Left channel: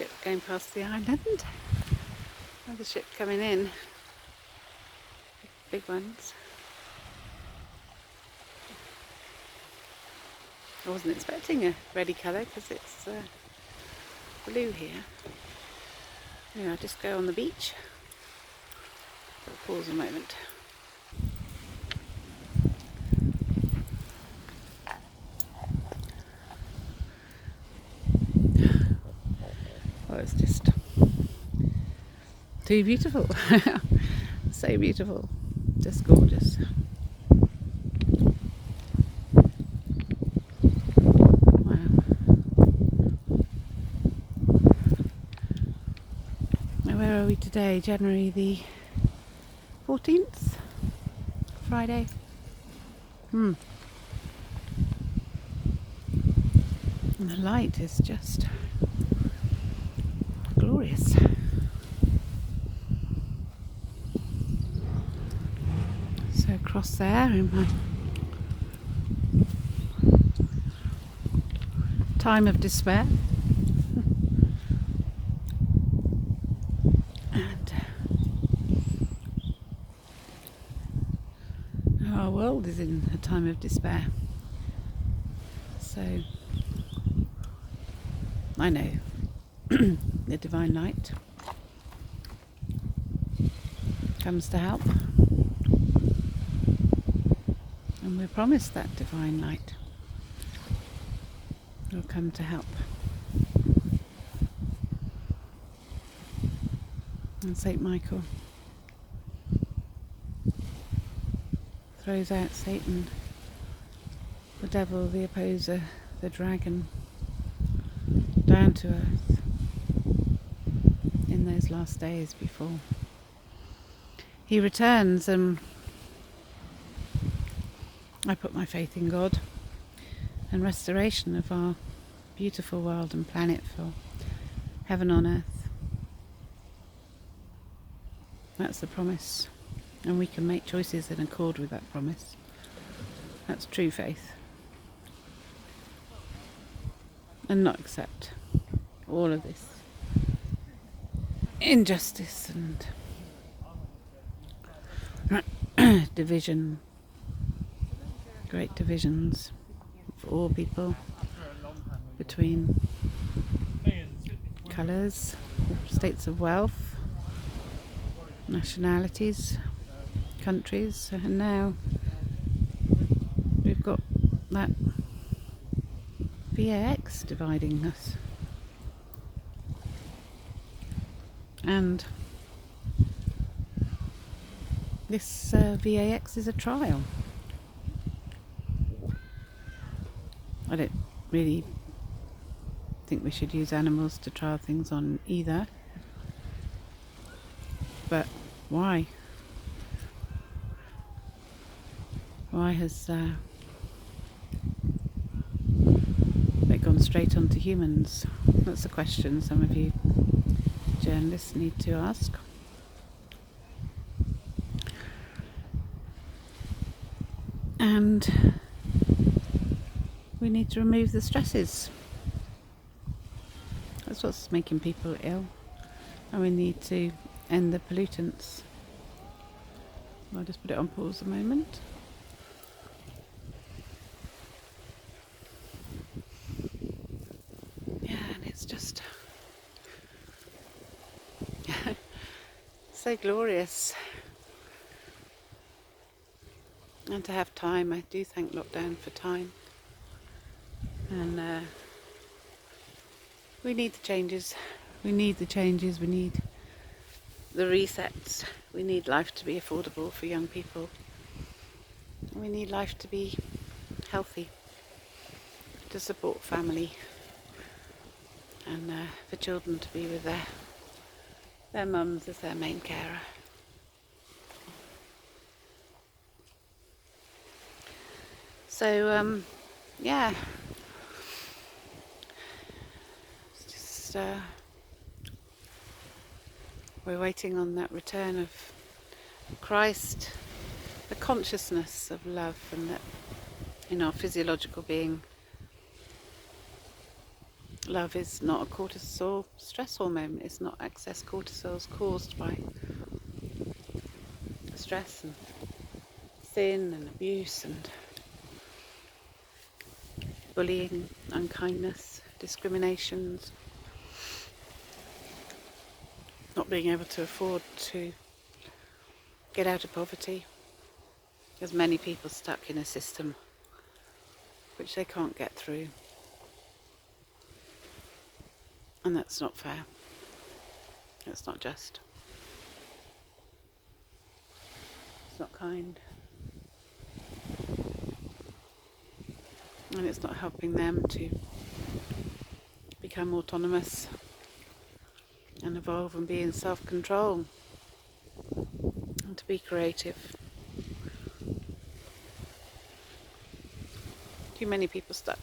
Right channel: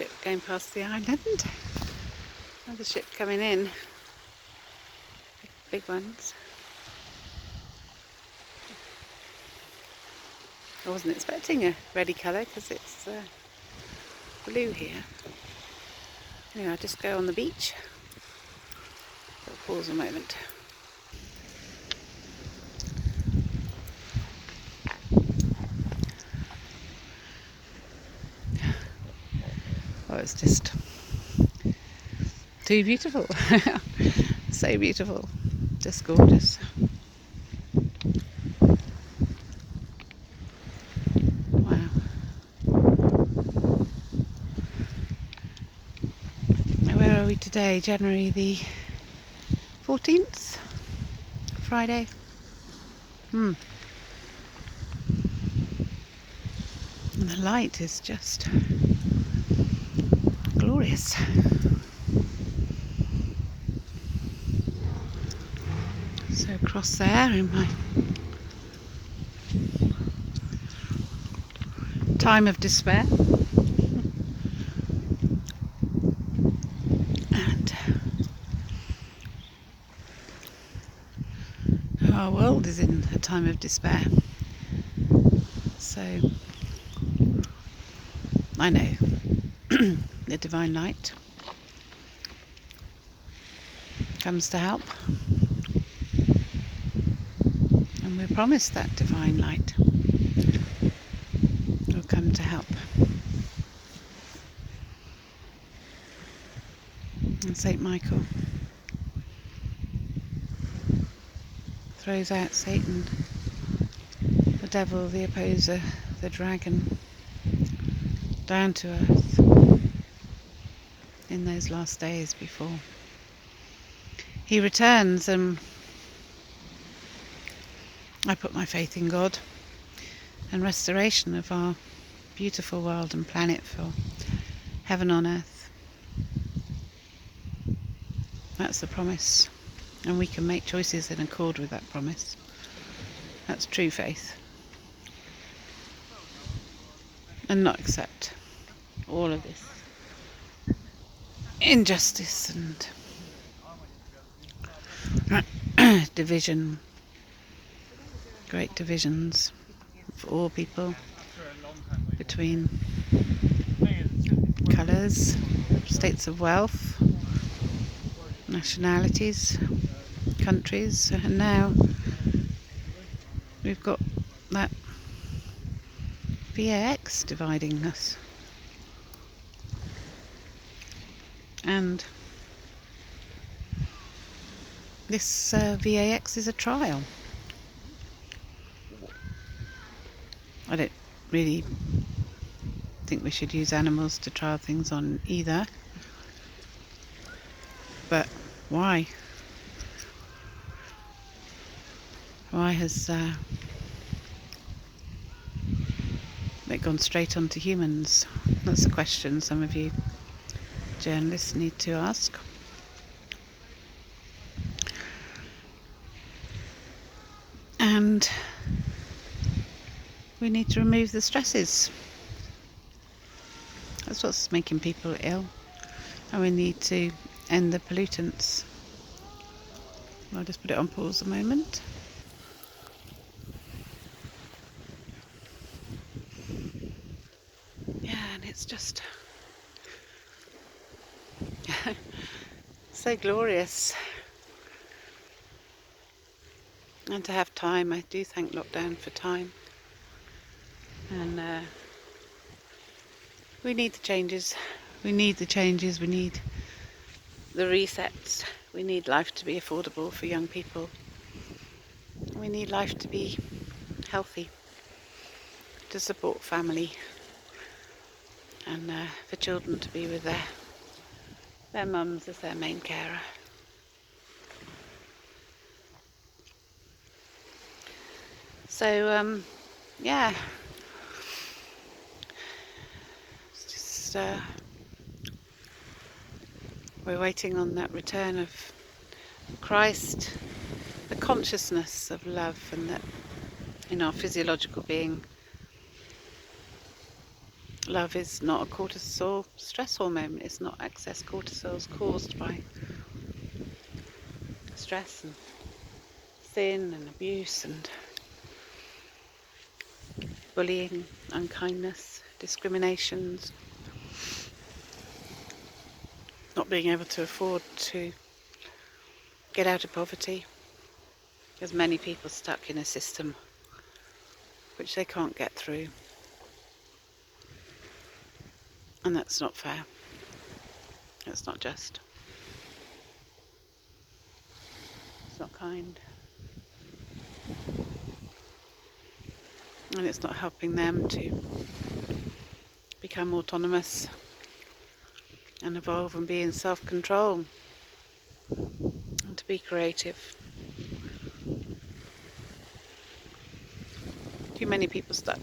ship going past the island. Another ship coming in. Big ones. I wasn't expecting a reddy colour because it's blue here. Anyway, I'll just go on the beach. I'll pause a moment. Oh, it's just too beautiful. So beautiful. Just gorgeous. Wow. Now where are we today? January the 14th? Friday? And the light is just glorious. So across there in my time of despair, and our world is in a time of despair. So I know the divine light comes to help, and we're promised that divine light will come to help. And Saint Michael throws out Satan, the devil, the opposer, the dragon, down to earth in those last days before he returns. And I put my faith in God and restoration of our beautiful world and planet for heaven on earth. That's the promise, and we can make choices in accord with that promise. That's true faith, and not accept all of this injustice and division, great divisions for all people between colours, states of wealth, nationalities, countries, and now we've got that VAX dividing us. And this VAX is a trial. I don't really think we should use animals to trial things on either. But why? Why has it gone straight on to humans? That's a question some of you journalists need to ask. And we need to remove the stresses. That's what's making people ill. And we need to end the pollutants. I'll just put it on pause a moment. Yeah, and it's just so glorious. And to have time, I do thank lockdown for time. And we need the changes. We need the changes. We need the resets. We need life to be affordable for young people. We need life to be healthy, to support family, and for children to be with their mums as their main carer. So yeah, it's just we're waiting on that return of Christ, the consciousness of love, and that in our physiological being, Love is not a cortisol stress hormone. It's not excess cortisols caused by stress and sin and abuse and bullying, unkindness, discriminations, not being able to afford to get out of poverty. There's many people stuck in a system which they can't get through. And that's not fair. It's not just. It's not kind. And it's not helping them to become autonomous and evolve and be in self-control and to be creative. Too many people stuck.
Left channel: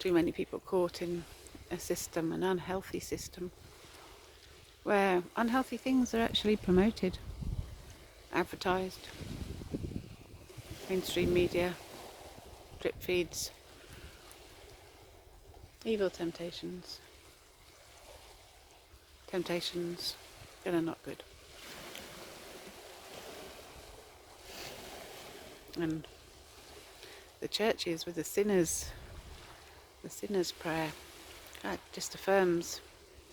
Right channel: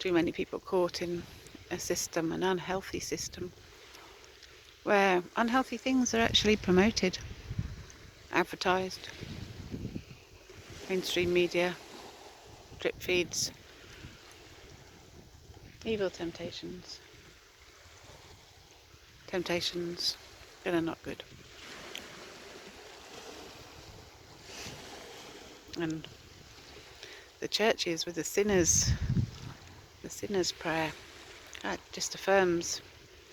Too many people caught in a system, an unhealthy system, where unhealthy things are actually promoted, advertised, mainstream media, drip feeds, evil temptations that are not good. And the churches with the sinner's prayer, that just affirms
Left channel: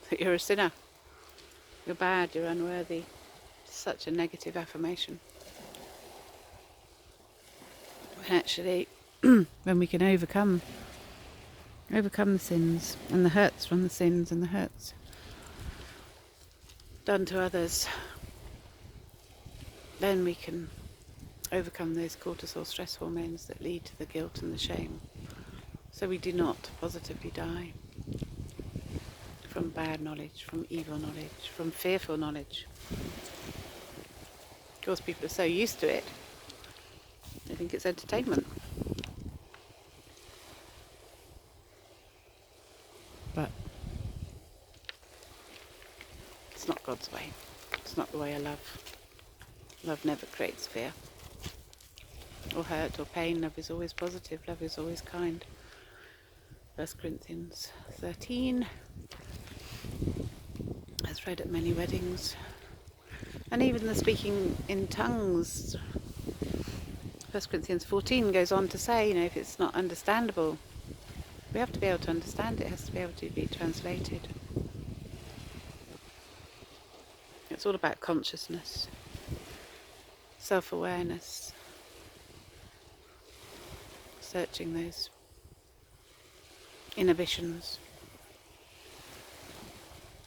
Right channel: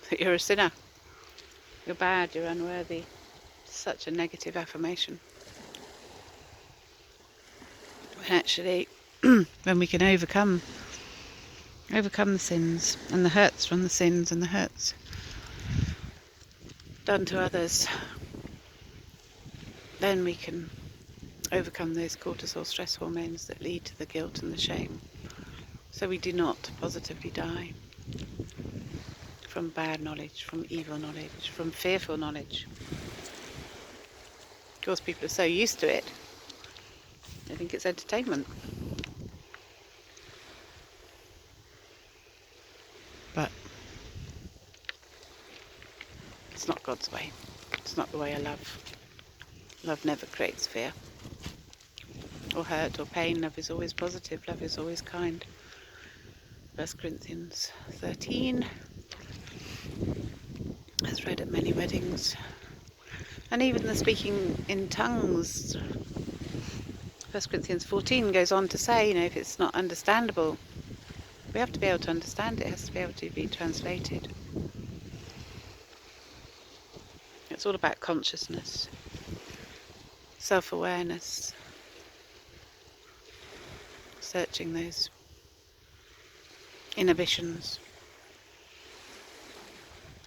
that you're a sinner, you're bad, you're unworthy. Such a negative affirmation. When actually, when we can overcome the sins and the hurts from the sins and the hurts done to others, then we can overcome those cortisol stress hormones that lead to the guilt and the shame. So we do not positively die from bad knowledge, from evil knowledge, from fearful knowledge. Of course, people are so used to it, they think it's entertainment. But it's not God's way. It's not the way of love. Love never creates fear or hurt or pain. Love is always positive. Love is always kind. 1 Corinthians 13. That's read at many weddings. And even the speaking in tongues, 1 Corinthians 14 goes on to say, if it's not understandable, we have to be able to understand it. It has to be able to be translated. It's all about consciousness, self-awareness, searching those inhibitions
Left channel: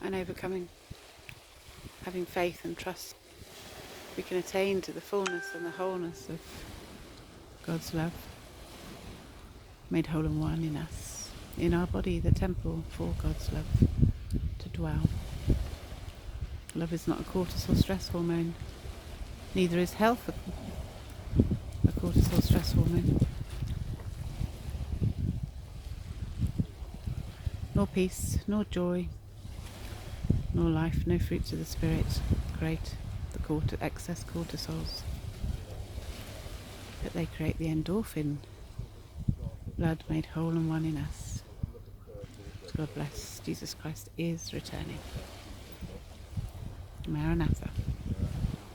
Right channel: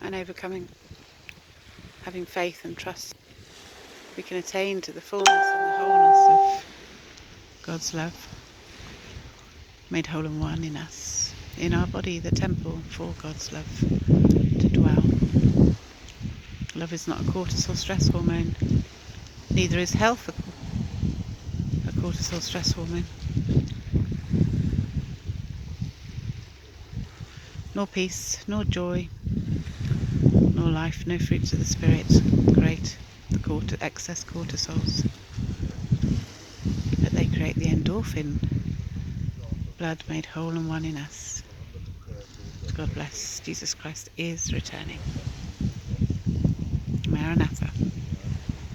and overcoming, having faith and trust. We can attain to the fullness and the wholeness of God's love, made whole and one in us, in our body, the temple for God's love to dwell. Love is not a cortisol stress hormone, neither is health a cortisol stress hormone, nor peace, nor joy, nor life, no fruits of the Spirit create the excess cortisols, but they create the endorphin, blood made whole and one in us. God bless. Jesus Christ is returning. Maranatha.